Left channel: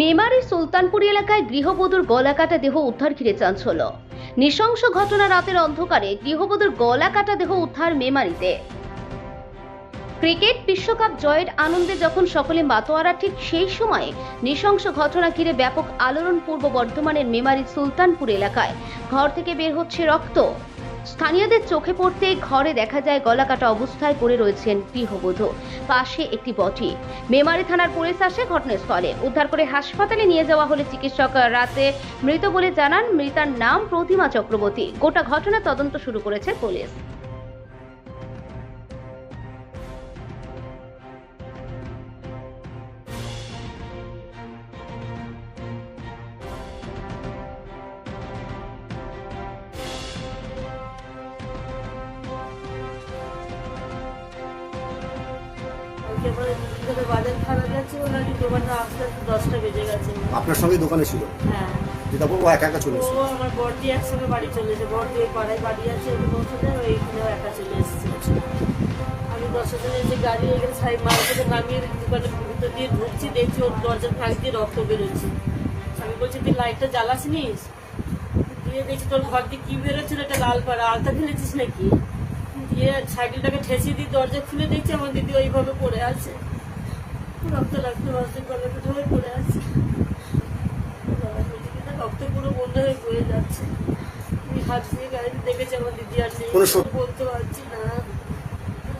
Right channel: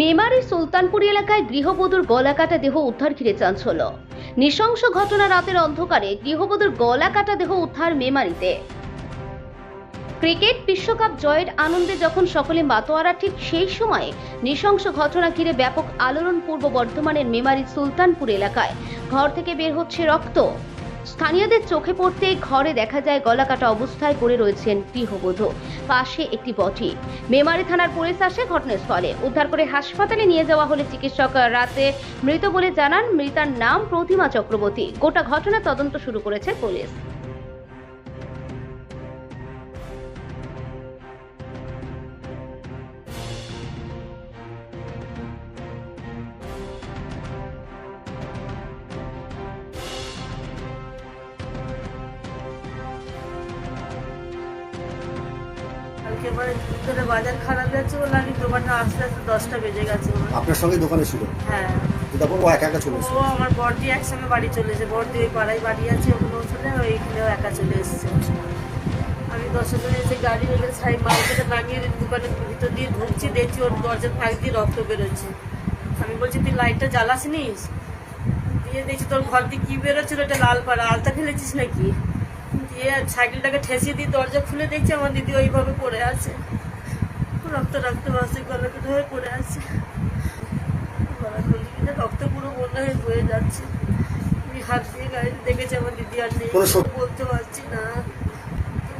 মেমারির সুলতানপুর এলাকায় গৃহবধূর গলাকাটা দেহ উদ্ধার ঘিরে চাঞ্চল্য। নৃশংস ঘটনা, রাতের অন্ধকারে গৃহবধূর গলাকাটা দেহ উদ্ধার মেমারিতে। ক্রিকেট বিশ্বকাপ জয়ের আনন্দে যখন সকলে মাতোয়ারা, ঠিক সেই সময় নৃশংস ঘটনা ঘিরে ব্যাপক আলোড়ন পূর্ব বর্ধমানের মেমারির সুলতানপুর এলাকায়। ঘর থেকে বের হচ্ছে রক্ত। স্থানীয়দের চোখে পড়তে ঘরে দেখা যায় গলাকাটা অবস্থায় পড়ে রয়েছেন গৃহবধূ, পাশে একটি বটি। মেমারি থানার পুলিশ আসে ঘটনাস্থলে, উদ্ধার করে হাসপাতালে নিয়ে যাওয়া হলে চিকিৎসক রাতে মৃত বলে জানান। মৃতার নাম প্রতিমা চক্রবর্তী। গোটা ঘটনা তদন্ত শুরু করেছে পুলিশ। কালকে আমার দুপুরে বাজার খারাপ যাচ্ছে বলে আমি দোকানে আসতে আসতে 10টা বেজে গেছে আমার। আপনার সঙ্গে দোকানে ছিল? হ্যাঁ, তারপর ও একা একা চলে এসেছে? ও আমার বড়দি একসঙ্গে বাড়ি চলে এসেছে। বড়দি ওই পাড়ায় বাড়ি আছে, ওখানে পৌঁছলে ওইখানেও একা চলে এসেছে। আমি 10টা জনে এসে গাড়ি ওইখানে সাইড মার্কেটে নামিয়ে দোকানের ভিতর দিয়ে ঢুকছি, দেখছি ওর দরজার ফাঁক দিয়ে রক্ত বেরোচ্ছে। আমি বলছি তুই লাইটটা জ্বালাসনিস? দিয়ে দেখছি তোর ঘর দিয়ে কি বেরোচ্ছিল, এটা লাল পাড়া, আলতা ফেলেছিস নাকি? দিয়ে সাইকেলটাকে ঠেসিয়ে দিয়ে দরজা খুলে দেখছি আমার দিদি ওইভাবে পড়ে আছে, রক্ত রাখতে পারছে, গলাকাটা হয়ে পড়ে আছে। রক্ত পুরো বন্ধ হয়ে বয়ে যাচ্ছে। আমি হাত দিয়ে গাড়িতে দেখেছি আমার দিদি আর নেই, বলতে পারছি না,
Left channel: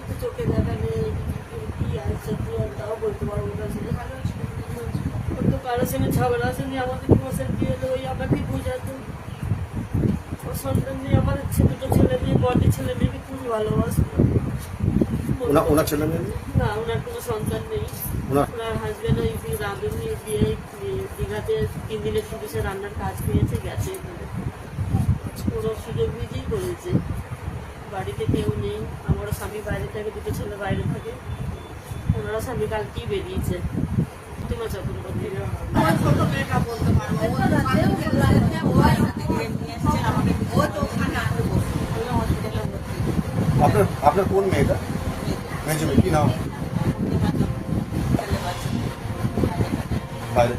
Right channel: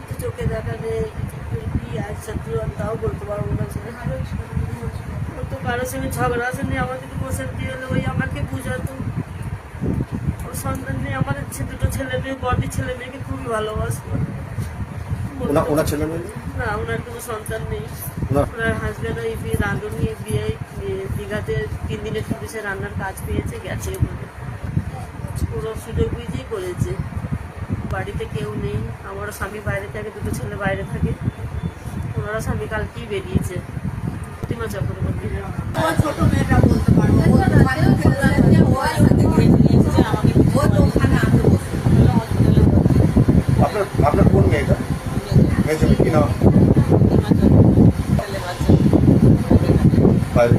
তো চোখে দেখা নেই কি আছে তাও বলতে পারবো না। ওর তো কারোর সঙ্গে ঝগড়া আসেনি, আমাদের অশান্তি হলে ওই আমাকে বুঝাতো। ও সন্তান নিয়ে আমাদের দুটো ছেলে মেয়ে, বড়দি ছেলে মেয়েকে খুবই ভালোবাসতো। ওনার ছেলে মেয়ে? না, ওনার কোনো সন্তান নেই। ওনার হাজবেন্ড ওই রাঁধুনি বিয়ে দীঘাতে 3 দিনের পুলিশে রান্নার কাজ পেয়েছে, গেছে ওখানে। পুরো সুযোগ বুঝেই করেছে। বাড়িতে কেউ নেই, আমারও স্বামী বাইরে থাকে, দুটো ছেলে বাইরে থাকে। ওনারা স্বামী কালকেই বেরিয়েছে। প্রতিমা চক্রবর্তী। আপনার কোন মেয়েটা? মেয়ে কি নাম? বাইরে